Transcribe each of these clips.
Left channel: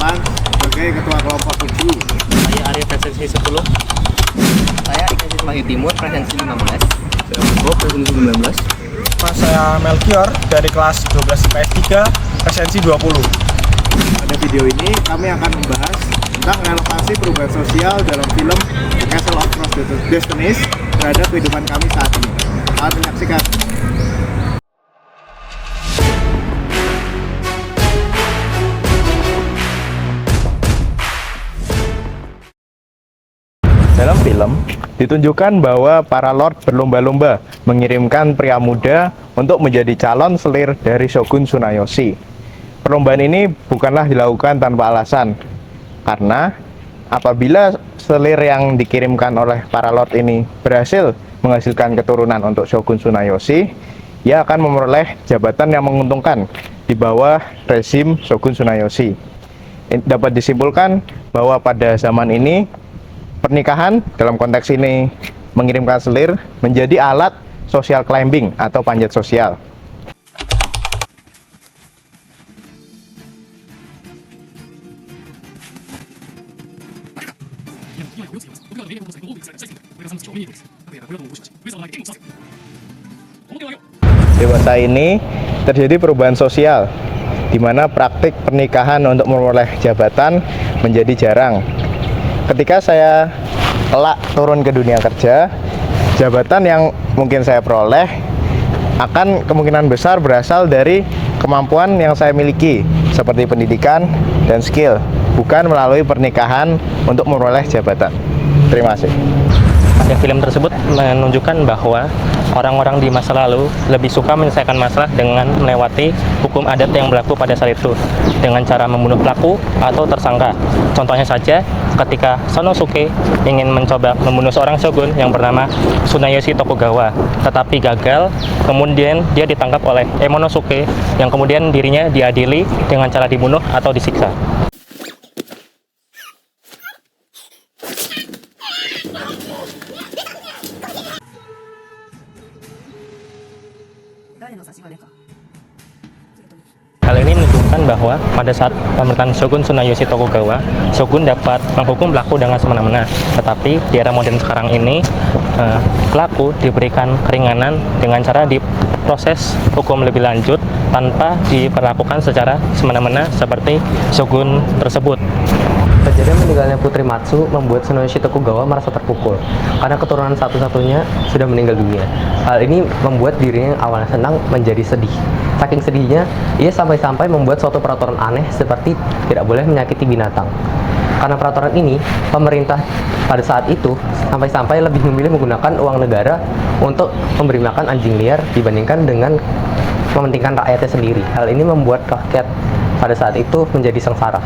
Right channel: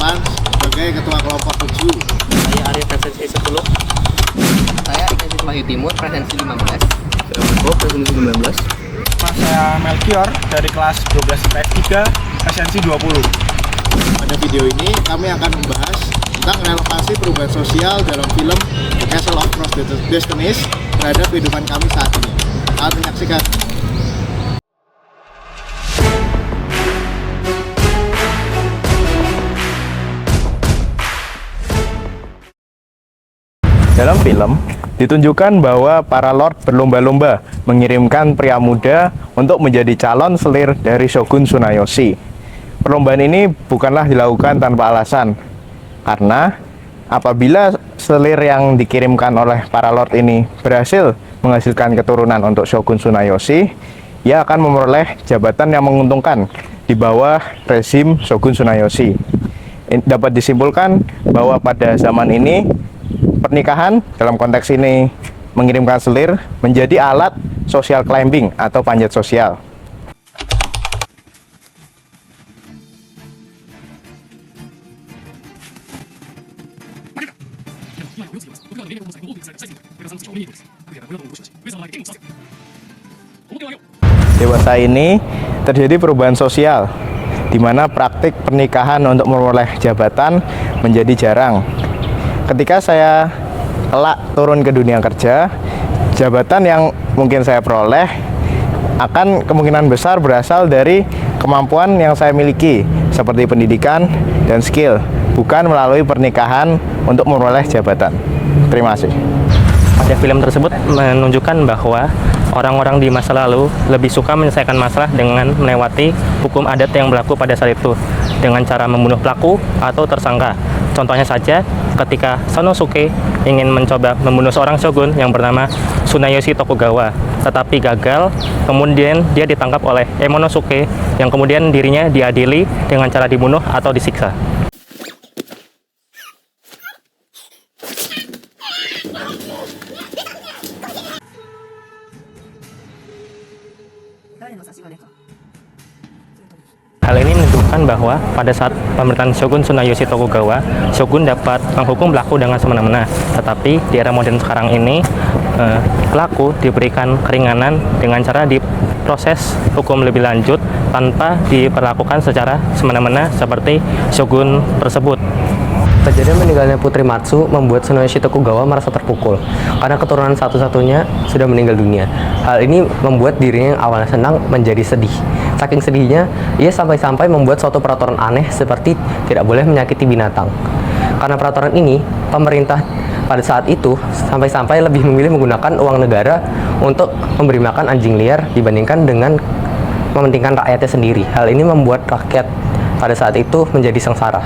8 sebagai Ketua Kelompok 7. Saya Arya presensi 10. Saya Ignatius Wahyu Timur presensi 15. Saya Marco presensi 19. Saya Melchior dari kelas 12 IPS 3 presensi 20. Pada video ini kami akan membahas tentang relevasi perubahan sosial dalam film The Castle of Lost Destinies terhadap kehidupan kami saat ini. Selamat menyaksikan. Dalam film, ditunjukkan bahwa para lord berlomba-lomba mengirimkan pria muda untuk menjadi calon selir dari Shogun Tsunayoshi. Perlombaan ini bukanlah dilakukan tanpa alasan, karena apabila selir yang dikirimkan oleh para lord ini berhasil menghasilkan keturunan untuk Shogun Tsunayoshi, ia akan memperoleh jabatan yang menguntungkan di bawah rezim Shogun Tsunayoshi. Dapat disimpulkan bahwa pada zaman ini pernikahan dalam konteks ini mengirimkan selir menjadi alat social climbing atau panjat sosial. Dewasa ini terjadi perubahan sosial di mana praktik pernikahan untuk memperoleh jabatan menjadi jarang. Ketika saya kelak turun ke dunia kerja, jabatan yang mungkin saya peroleh akan kemungkinan besar berasal dari kemampuan yang saya miliki, seperti pendidikan dan skill, bukan melalui pernikahan untuk memperoleh jabatan. Terima kasih. Pada film tersebut menunjukkan bahwa orang-orang di masa lalu lebih suka menyelesaikan masalah dengan melewati hukum adat yang berlaku pada saat itu dengan cara membunuh pelaku atau tersangka. Contohnya saja ketika Sanosuke ingin mencoba membunuh seorang shogun yang bernama Tsunayoshi Tokugawa, tetapi gagal. Kemudian dia ditangkap oleh Emonosuke yang kemudian dirinya diadili dengan cara dibunuh atau disiksa. Hal ini menunjukkan bahwa pada saat pemerintahan Shogun Tsunayoshi Tokugawa, Shogun dapat menghukum pelaku dengan semena-mena. Tetapi di era modern sekarang ini, pelaku diberikan keringanan dengan cara diproses hukum lebih lanjut tanpa diperlakukan secara semena-mena seperti Shogun tersebut. Kejadian meninggalnya Putri Matsu membuat Tsunayoshi Tokugawa merasa terpukul karena keturunan satu-satunya sudah meninggal dunia. Hal ini membuat dirinya yang awalnya senang menjadi sedih. Saking sedihnya, ia sampai-sampai membuat suatu peraturan aneh seperti tidak boleh menyakiti binatang. Karena peraturan ini, pemerintah pada saat itu sampai-sampai lebih memilih menggunakan uang negara untuk memberi makan anjing liar dibandingkan dengan mementingkan rakyatnya sendiri. Hal ini membuat rakyat pada saat itu menjadi sengsara.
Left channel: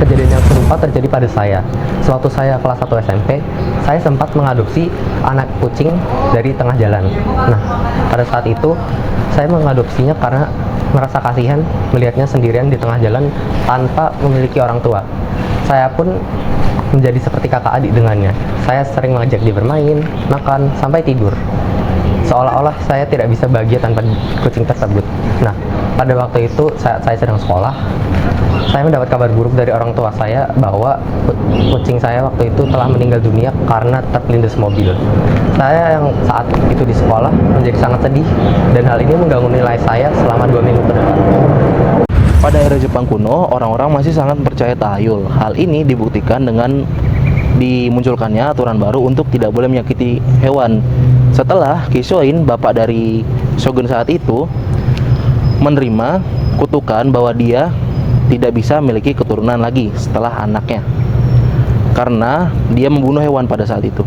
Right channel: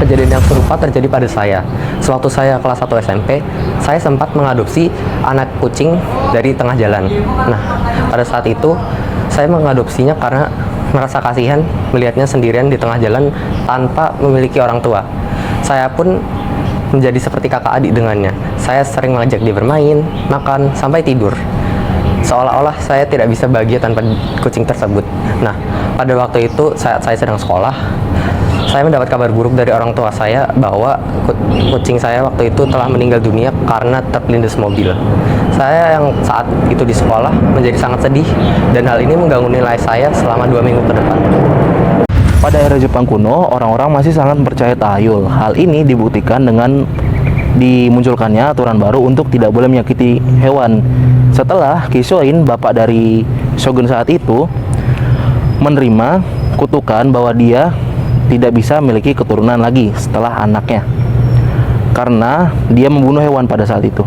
Kejadian yang serupa terjadi pada saya. Sewaktu saya kelas 1 SMP, saya sempat mengadopsi anak kucing dari tengah jalan. Nah, pada saat itu saya mengadopsinya karena merasa kasihan melihatnya sendirian di tengah jalan tanpa memiliki orang tua. Saya pun menjadi seperti kakak adik dengannya. Saya sering mengajak dia bermain, makan, sampai tidur. Seolah-olah saya tidak bisa bahagia tanpa kucing tersebut. Nah, pada waktu itu saat saya sedang sekolah, saya mendapat kabar buruk dari orang tua saya bahwa kucing saya waktu itu telah meninggal dunia karena terlindas mobil. Saya yang saat itu di sekolah menjadi sangat sedih dan hal ini mengganggu nilai saya selama 2 minggu ke depan. Pada era Jepang kuno, orang-orang masih sangat percaya tahayul. Hal ini dibuktikan dengan dimunculkannya aturan baru untuk tidak boleh menyakiti hewan. Setelah Kishoin, bapak dari shogun saat itu, menerima kutukan bahwa dia tidak bisa memiliki keturunan lagi setelah anaknya karena dia membunuh hewan pada saat itu.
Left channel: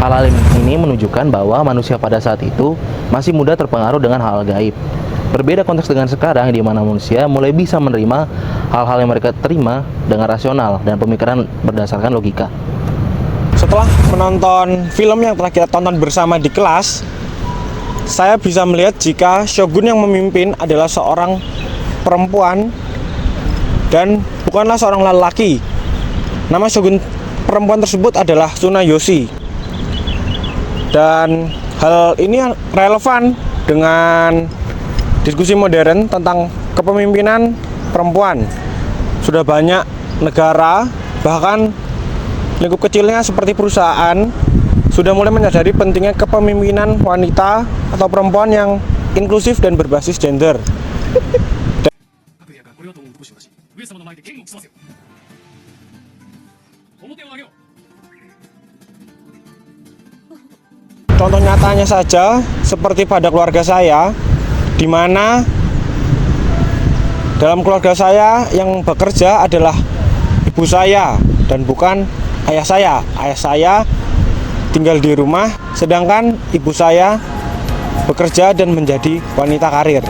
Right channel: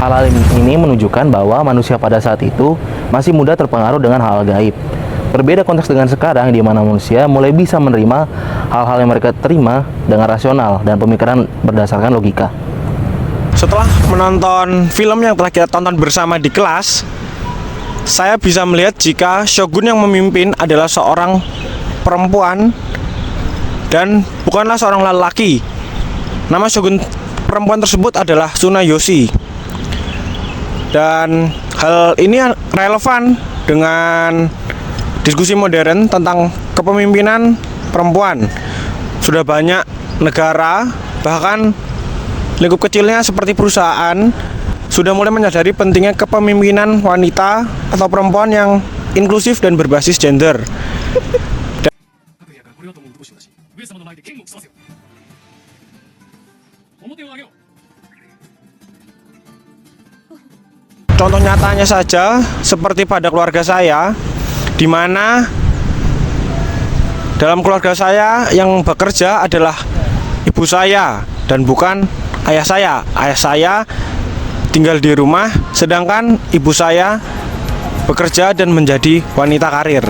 Hal-hal ini menunjukkan bahwa manusia pada saat itu masih mudah terpengaruh dengan hal gaib. Berbeda konteks dengan sekarang, di mana manusia mulai bisa menerima hal-hal yang mereka terima dengan rasional dan pemikiran berdasarkan logika. Setelah menonton film yang telah kita tonton bersama di kelas, saya bisa melihat jika shogun yang memimpin adalah seorang perempuan dan bukanlah seorang lelaki. Nama shogun perempuan tersebut adalah Tsunayoshi. Dan hal ini relevan dengan diskusi modern tentang kepemimpinan perempuan. Sudah banyak negara, bahkan lingkup kecilnya seperti perusahaan, sudah mulai menyadari pentingnya kepemimpinan wanita atau perempuan yang inklusif dan berbasis gender. Contoh nyatanya saja seperti pada keluarga saya, di mana dalam keluarga saya yang bekerja adalah ibu saya dan bukan ayah saya. Ayah saya tinggal di rumah, sedangkan ibu saya bekerja dan menjadi wanita karir.